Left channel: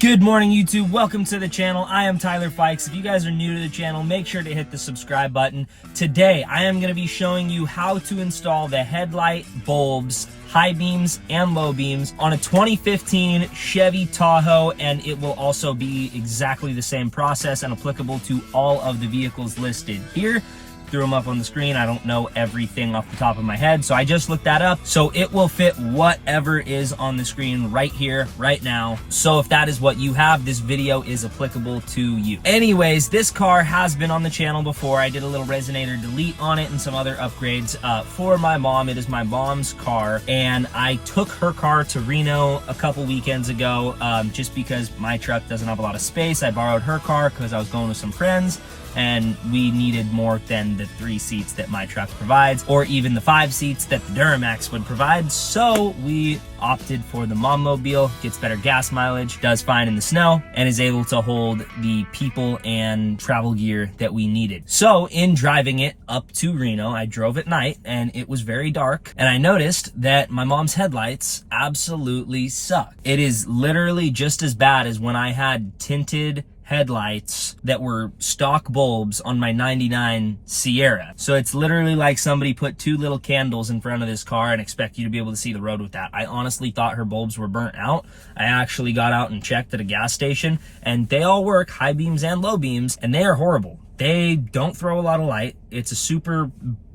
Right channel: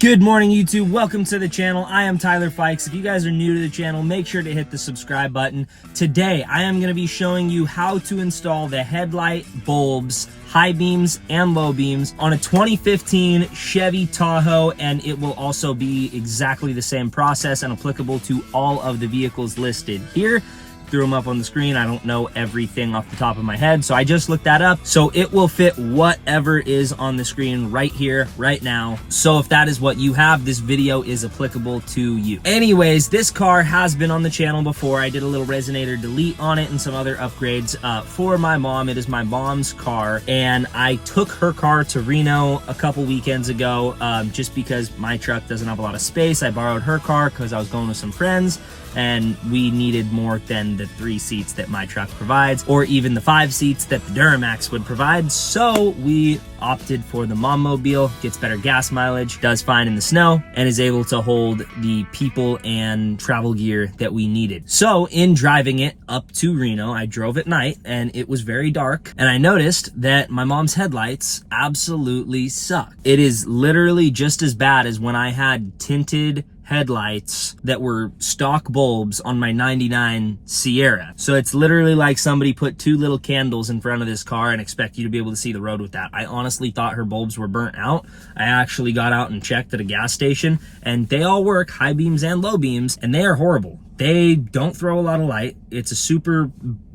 Good morning, YouTube. Welcome to the channel. I am Tyler Fikes. If you guys are new to the channel, make sure to hit the subscribe button. Today, I am going to be showing you how to install the headlight bulbs, high beams and low beams on a 2015 Chevy Tahoe, and it will also be exactly the same process and applicable to all of the vehicles listed here. Threw them up on the screen. I don't know everything off the top of my head, so I just looked that up. So it will fit whatever is on the screen right here, right now. So if that is what you have, this video is applicable to you. Anyways, this car has been on the channel before. I did a little resonator delete on it and some other upgrades for my mom. It is my mom's car, and I took her car to Reno a couple weekends ago just because my truck doesn't have a lot of space. I borrowed her car because I was going with some friends, and we needed more than the 3 seats that my truck provides, or even the 5 seats that the Duramax would provide. So we opted for the Mom-mobile. Gets better gas mileage, does fine in the snow, and is able to hold the people and travel gear that we needed. So in driving it up to Reno, I drove at night and it was very dark, and I noticed that my mom's headlights absolutely suck. It is literally just as bad as when I had tinted headlights that were stock bulbs on my 99 Sierra. So it's literally like somebody put 2 little candles in front of this car and expect you to be able to see the road with that. I honestly thought her bulbs were burnt out. I actually got out and checked at a gas station, and they all work, high beams and low beams, and they are horrible. They don't throw a lot of light. It's a super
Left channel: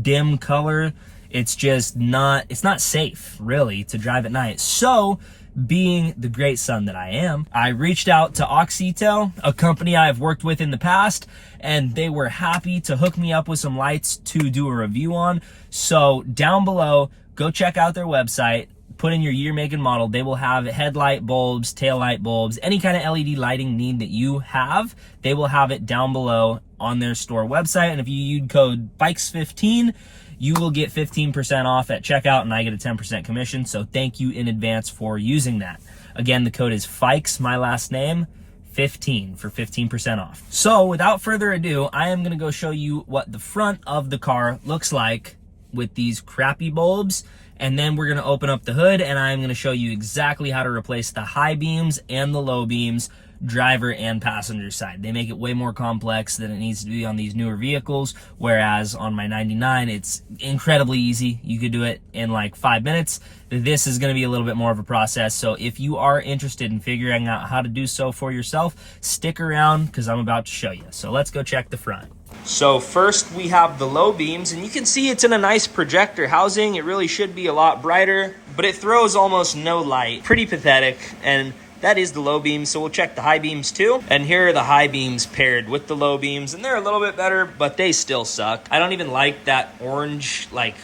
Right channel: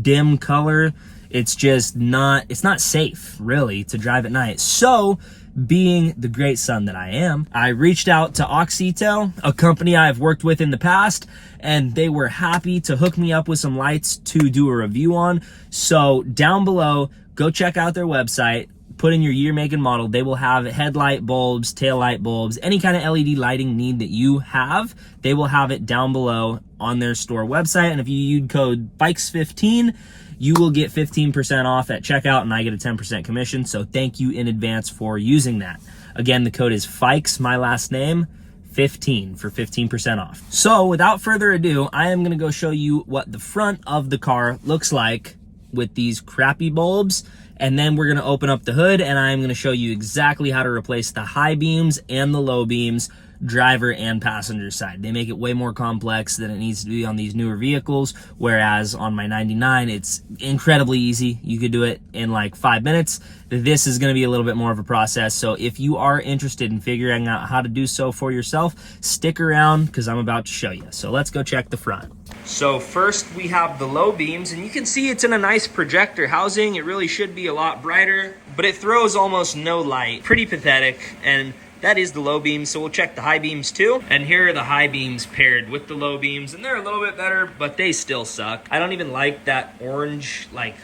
dim color. It's just not, it's not safe really to drive at night. So being the great son that I am, I reached out to Auxito, a company I've worked with in the past, and they were happy to hook me up with some lights to do a review on. So down below, go check out their website, put in your year, make, and model. They will have headlight bulbs, tail light bulbs, any kind of LED lighting need that you have, they will have it down below on their store website. And if you use code FIKES15, you will get 15% off at checkout, and I get a 10% commission. So thank you in advance for using that. Again, the code is Fikes, my last name, 15 for 15% off. So without further ado, I am gonna go show you what the front of the car looks like with these crappy bulbs. And then we're gonna open up the hood, and I'm gonna show you exactly how to replace the high beams and the low beams, driver and passenger side. They make it way more complex than it needs to be on these newer vehicles, whereas on my 99 it's incredibly easy. You could do it in like 5 minutes. This is going to be a little bit more of a process, so if you are interested in figuring out how to do so for yourself, stick around because I'm about to show you. So let's go check the front. So first we have the low beams, and you can see it's in a nice projector housing. It really should be a lot brighter, but it throws almost no light. Pretty pathetic. And that is the low beams, so we'll check the high beams too. And here are the high beams paired with the low beams, and they're a little bit better, but they still suck. I don't even like that orange, like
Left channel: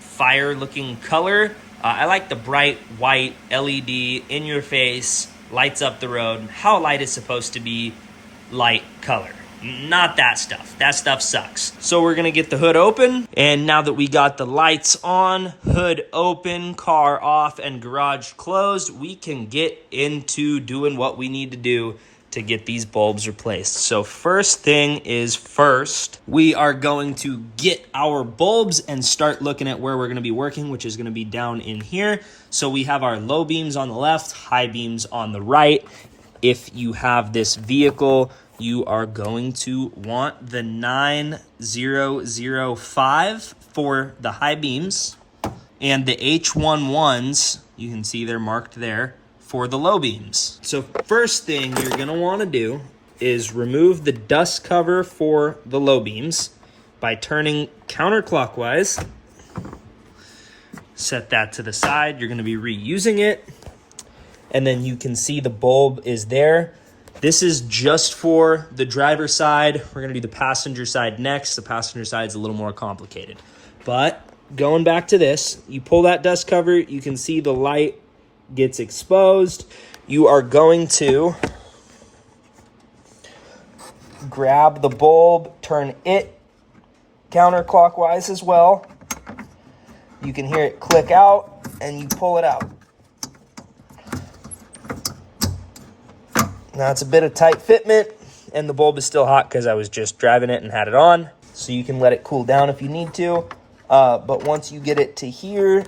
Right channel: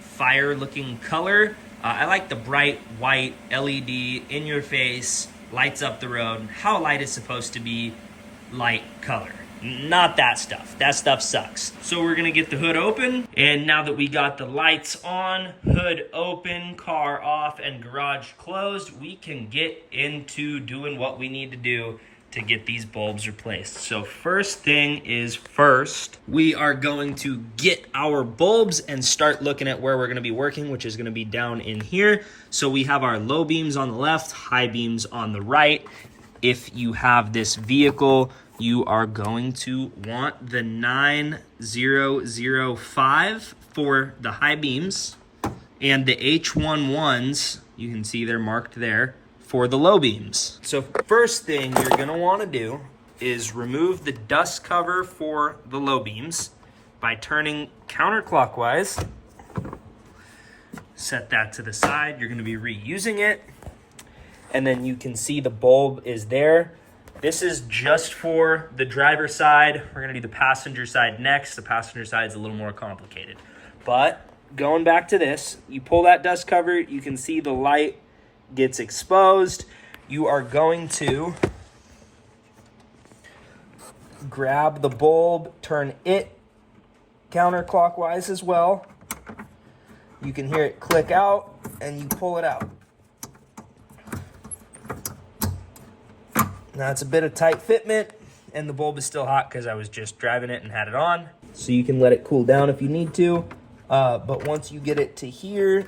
fire looking color. I like the bright white LED in your face, lights up the road. How light is supposed to be light color. Not that stuff. That stuff sucks. So we're gonna get the hood open, and now that we got the lights on, hood open, car off, and garage closed, we can get into doing what we need to do to get these bulbs replaced. So first thing is first, we are going to get our bulbs and start looking at where we're gonna be working, which is gonna be down in here. So we have our low beams on the left, high beams on the right. If you have this vehicle, you are going to want the 9005 for the high beams, and the H11s, you can see they're marked there, for the low beams. So first thing you're gonna wanna do is remove the dust cover for the low beams by turning counterclockwise. Set that to the side. You're gonna be reusing it. And then you can see the bulb is there. This is just for the driver side. We're gonna do the passenger side next. The passenger side is a little more complicated. But going back to this, you pull that dust cover, you can see the light gets exposed. You are going to grab the bulb, turn it counterclockwise as well. You can hear it click out, and you pull it out. Now it's a bit of tight fitment, and the bulb is still hot because I was just driving it and had it on. So you can let it cool down if you need to. But once you get it to here,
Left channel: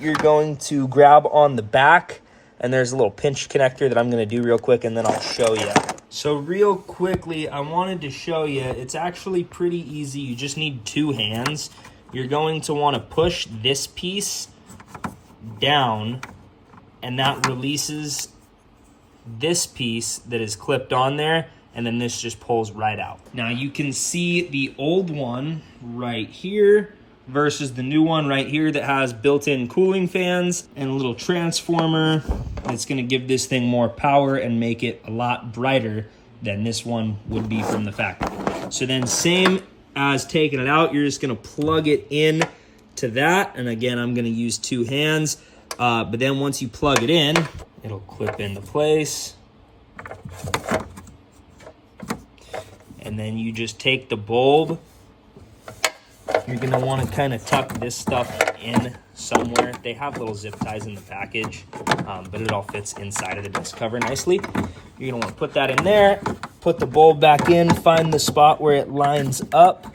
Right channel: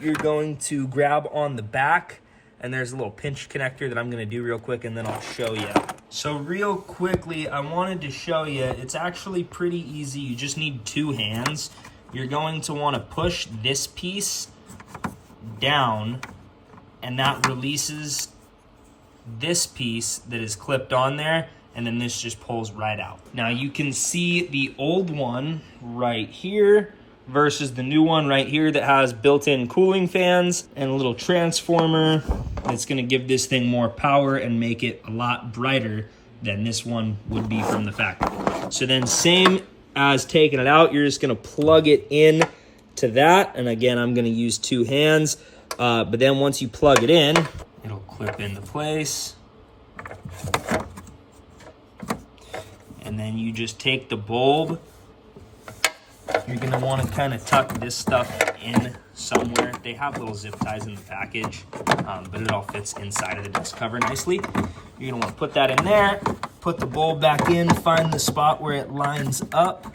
you're going to grab on the back and there's a little pinch connector that I'm gonna do real quick, and then I'll show you. So real quickly, I wanted to show you, it's actually pretty easy. You just need 2 hands. You're going to wanna push this piece down, and that releases this piece that is clipped on there, and then this just pulls right out. Now you can see the old one right here versus the new one right here that has built-in cooling fans and a little transformer that's gonna give this thing more power and make it a lot brighter than this one would be from the factory. So then same as taking it out, you're just gonna plug it in to that. And again, I'm gonna use 2 hands, but then once you plug it in, it'll clip into place. And then you just take the bulb. You're gonna wanna kind of tuck this stuff in somewhere. They have little zip ties in the package, but it all fits inside of the dust cover nicely. You're gonna wanna put that in there, put the bulb back in, find the spot where it lines up.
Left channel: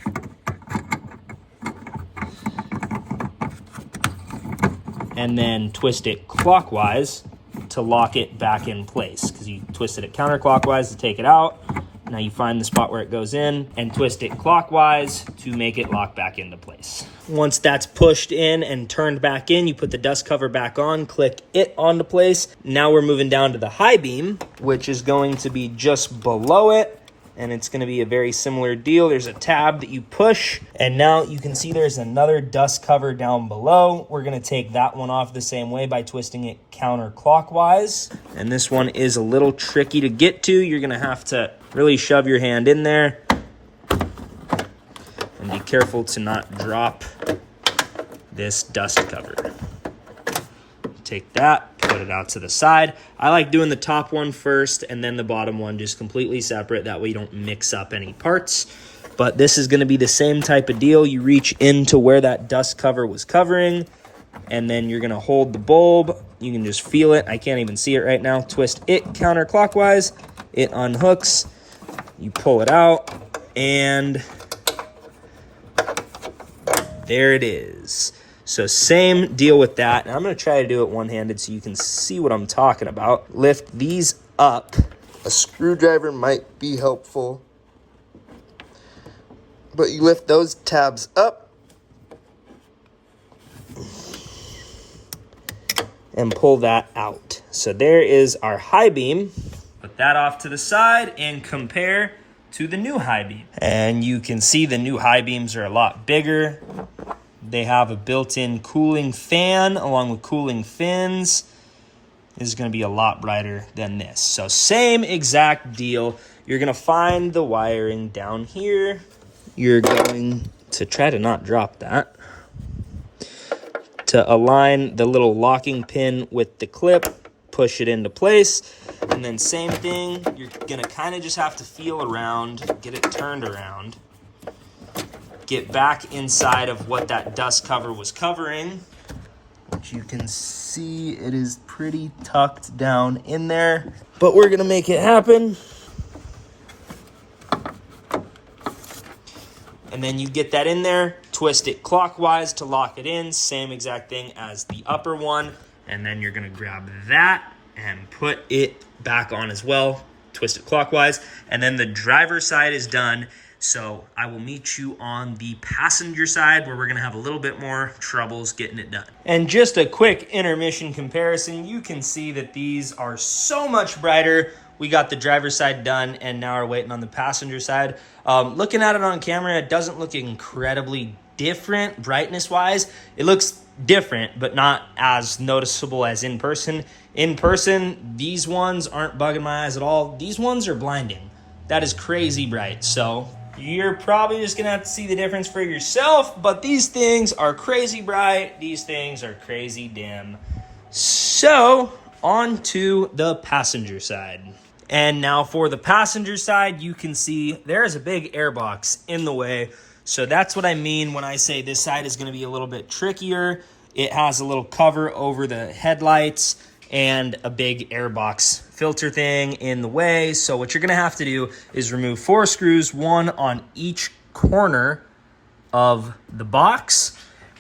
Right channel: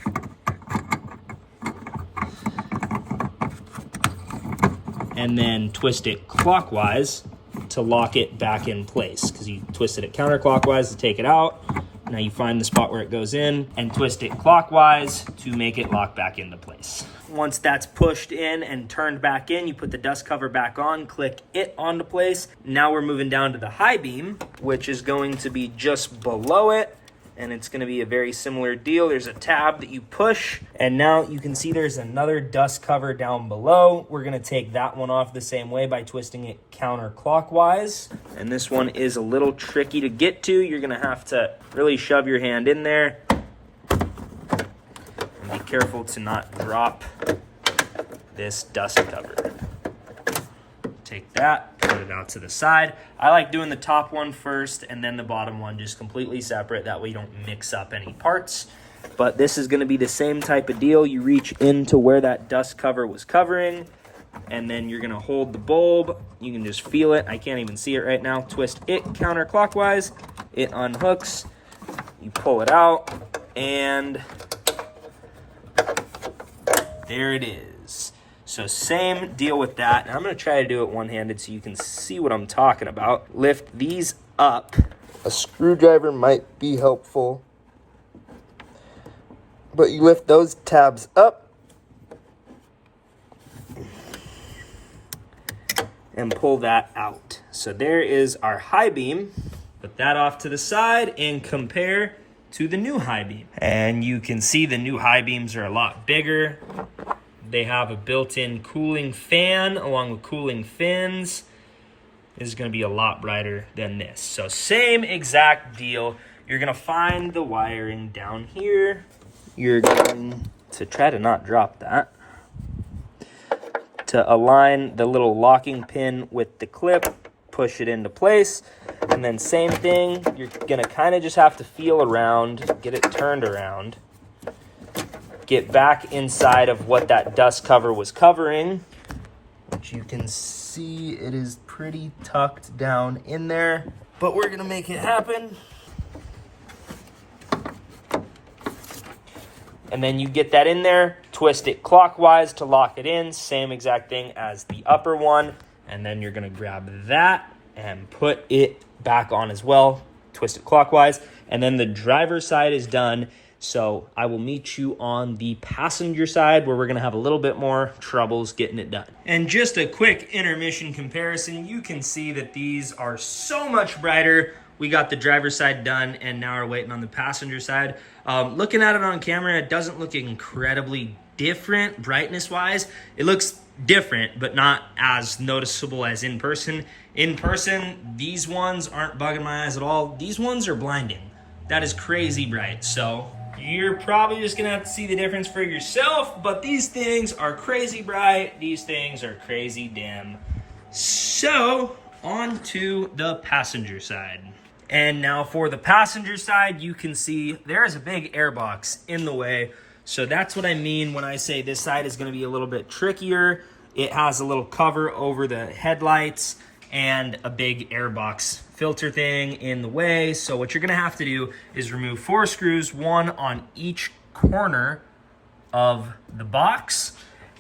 And then twist it clockwise to lock it back in place, because you twisted it counterclockwise to take it out. Now you find the spot where it goes in and twist it clockwise to make it lock back into place. Once that's pushed in and turned back in, you put the dust cover back on, click it onto place. Now we're moving down to the high beam, which is going to be just below it. And it's gonna be a very similar deal. There's a tab that you push, and now you can see there's another dust cover down below. We're gonna take that one off the same way by twisting it counterclockwise. And this one is a little tricky to get to. You're gonna have to really shove your hand in there. And be careful to not drop this dust cover. Take that, put it out to the side. I like doing the top one first and then the bottom one just completely separate. That way you don't mix up any parts. But this is gonna be the same type of deal. You reach into where that dust cover was covering, and then you're gonna hold the bulb. You can just feel it. I can't even see it right now. Twist it counterclockwise. It unhooks. You pull it out, and there it is. So same deal with that. Now I'm gonna try to do it one-handed so you can see what I'm talking about. Lift these up. A screwdriver might be helpful, but you lift those tabs up and pull that out. So there is our high beam. Put that off to the side and compare to the new high beam. And you can see the new high beams are a lot bigger. They have a built-in cooling fan along with cooling fins. This is gonna be a lot brighter than this. So same exact deal. You're gonna find the wiring down here. You're going to try to not drop that. To align the little locking pin with the clip, push it into place. And then same thing, you're gonna kind of just have to feel around, get it turned around. Get back inside of what that dust cover was covering, which you can see it is pretty tucked down in there, but we're gonna make it happen. And then you get that in there, twist it clockwise to lock it in, same exact thing as the upper one. And then you're gonna grab that and put it back on as well, twist it clockwise. And then the driver's side is done. So I will meet you on the passenger side where we're gonna have a little bit more troubles getting it done. And just a quick intermission comparison, you can see that these are so much brighter. We got the driver's side done and now we're waiting on the passenger side. Looking at it on camera, it doesn't look incredibly different brightness wise. It looks different, but not as noticeable as in person. In person, these ones aren't bugging my eyes at all. These ones are blinding. That is crazy bright. So you're probably just gonna have to see the difference for yourself, but these things are crazy bright. These things are crazy dim. So on to the passenger side. And now for the passenger side, you can see there is a big air box in the way. So that's what I mean when I say this side is gonna be a little bit trickier. It has a little cover over the headlights and a big air box filter thing in the way. So what you're gonna have to do is remove 4 screws, 1 on each corner of the box.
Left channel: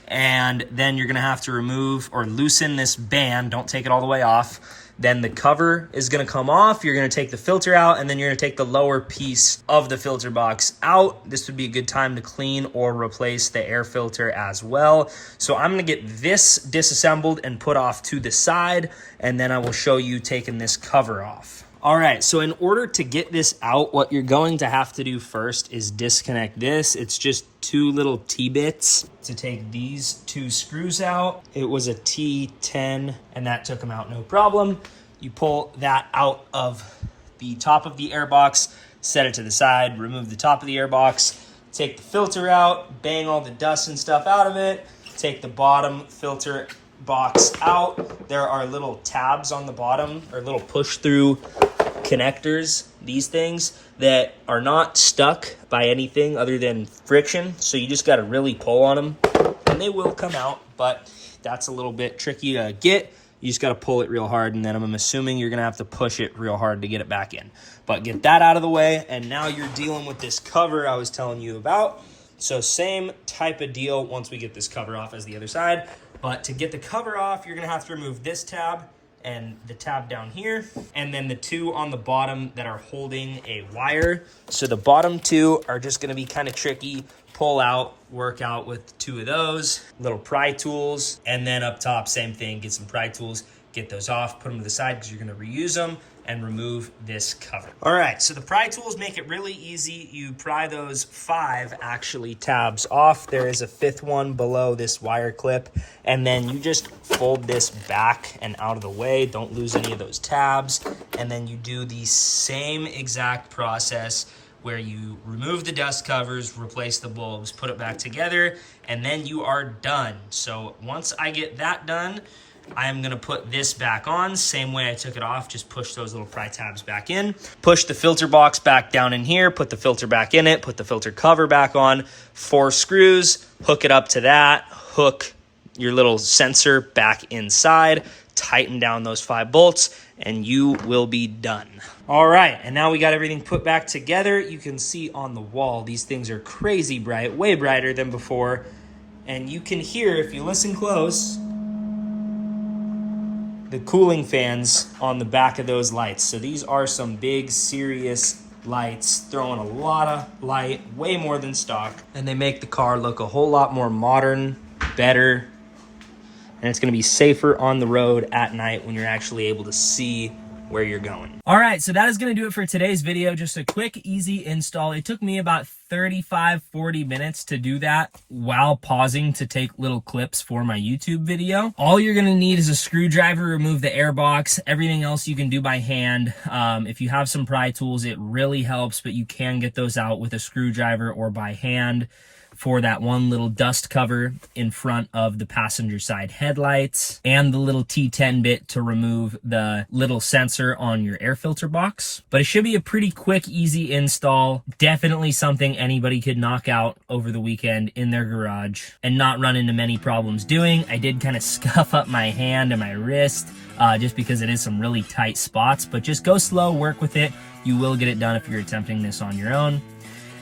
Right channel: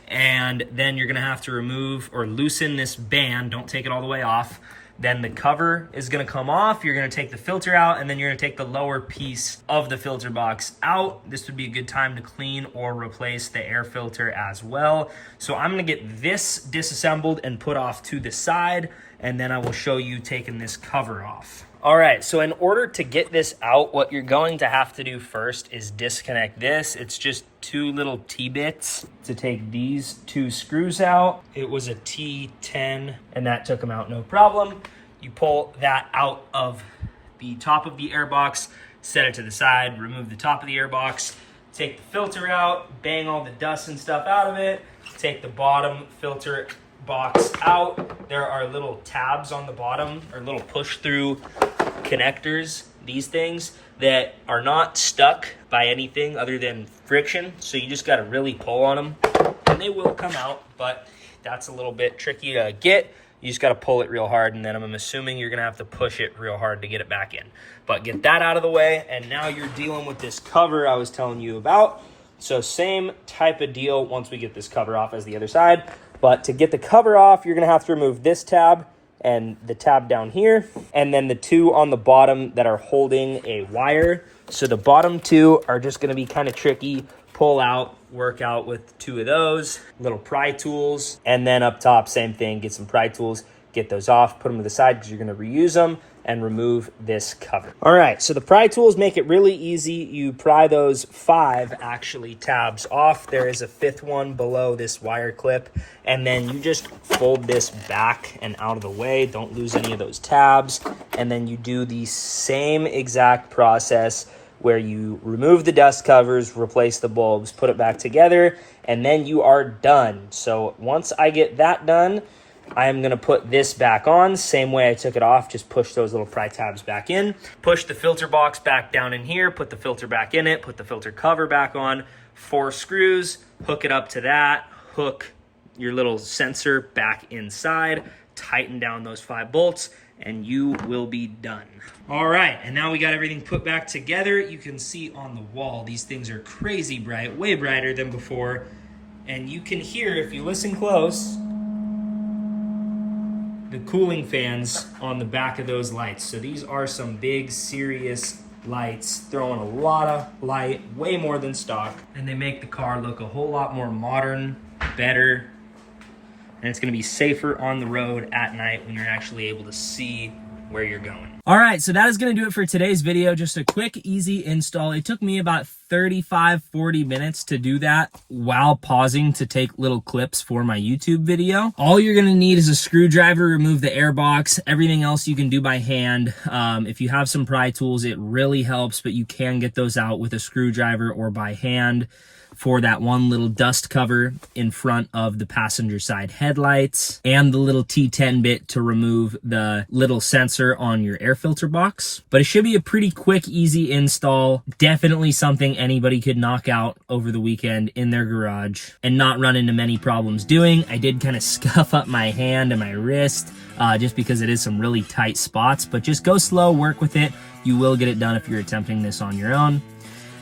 And then you're gonna have to remove or loosen this band. Don't take it all the way off. then the cover is gonna come off. You're gonna take the filter out, and then you're gonna take the lower piece of the filter box out. This would be a good time to clean or replace the air filter as well. So I'm gonna get this disassembled and put off to the side, and then I will show you taking this cover off. All right, so in order to get this out, what you're going to have to do first is disconnect this. It's just 2 little T-bits to take these 2 screws out. It was a T10, and that took them out no problem. You pull that out of the top of the air box, set it to the side, remove the top of the air box, take the filter out, bang all the dust and stuff out of it, take the bottom filter box out. There are little tabs on the bottom, or little push-through connectors, these things, that are not stuck by anything other than friction. So you just got to really pull on them, and they will come out, but that's a little bit tricky to get. You just got to pull it real hard, and then I'm assuming you're going to have to push it real hard to get it back in. But get that out of the way, and now you're dealing with this cover I was telling you about. So same type of deal once we get this cover off as the other side. But to get the cover off, you're going to have to remove this tab and the tab down here, and then the 2 on the bottom that are holding a wire. So the bottom 2 are just going to be kind of tricky. Pull out, work out with 2 of those little pry tools, and then up top, same thing, get some pry tools, get those off, put them to the side because you're going to reuse them, and remove this cover. All right, so the pry tools make it really easy. You pry those 5 actually tabs off. There is a 5th one below this wire clip, and then you just fold this back and out of the way. Don't lose any of those tabs. And then you do the same exact process where you remove the dust covers, replace the bulbs, put it back together, and then you are done. So once I get that done, I am gonna put this back on, same way I took it off, just push those little pry tabs back in, push the filter box back down in here, put the filter back in it, put the filter cover back on, 4 screws, hook it up to that, hook your little sensor back inside, tighten down those 5 bolts, and you will be done. All right, and now we got everything put back together. You can see on the wall, these things are crazy bright, way brighter than before, and you can hear, if you listen close, the cooling fans on the back of those lights. So these are some big, serious lights, throwing a lot of light, way more than stock. And they make the car look a whole lot more modern, better, and it's gonna be safer on the road at night when you're actually able to see where you're going. All right, so that is gonna do it for today's video. Just a quick, easy install. It took me about 35-40 minutes to do that while pausing to take little clips for my YouTube video. All you're gonna need is a screwdriver, remove the air box. Everything else you can do by hand. If you have some pry tools, it really helps, but you can get those out with a screwdriver or by hand for that one little dust cover in front of the passenger side headlights, and the little T10 bit to remove the little sensor on your air filter box. But it should be a pretty quick, easy install. Definitely something anybody could knock out over the weekend in their garage and not run into many problems doing. I did kind of scuff up my hand and my wrist just because it is some really tight spots, but just go slow, work with it. You will get it done if you're attempting this on your own.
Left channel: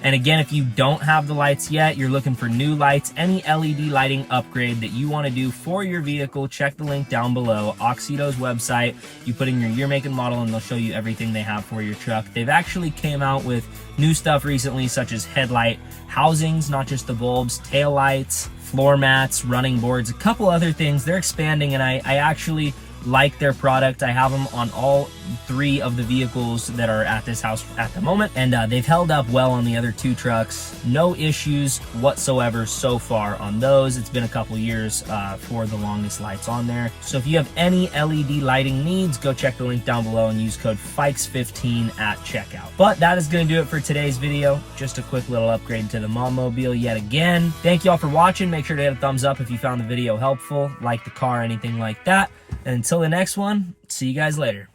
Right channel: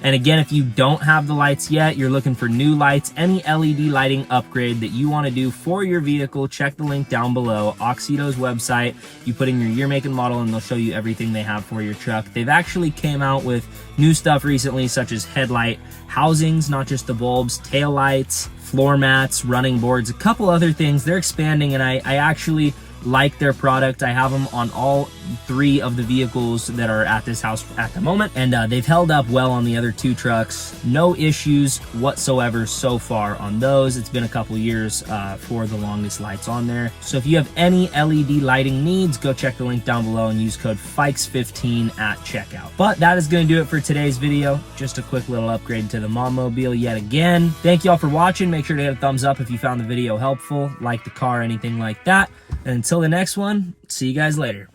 And again, if you don't have the lights yet, you're looking for new lights, any LED lighting upgrade that you want to do for your vehicle, check the link down below, Auxito's website. You put in your year, make, and model, and they'll show you everything they have for your truck. They've actually came out with new stuff recently, such as headlight housings, not just the bulbs, tail lights, floor mats, running boards, a couple other things. They're expanding, and I actually like their product. I have them on all 3 of the vehicles that are at this house at the moment, and they've held up well on the other 2 trucks. No issues whatsoever so far on those. It's been a couple years for the longest lights on there. So if you have any LED lighting needs, go check the link down below and use code FIKES15 at checkout. But that is going to do it for today's video. Just a quick little upgrade to the Mom-mobile yet again. Thank you all for watching. Make sure to hit a thumbs up if you found the video helpful, like the car, anything like that. And until the next one, see you guys later.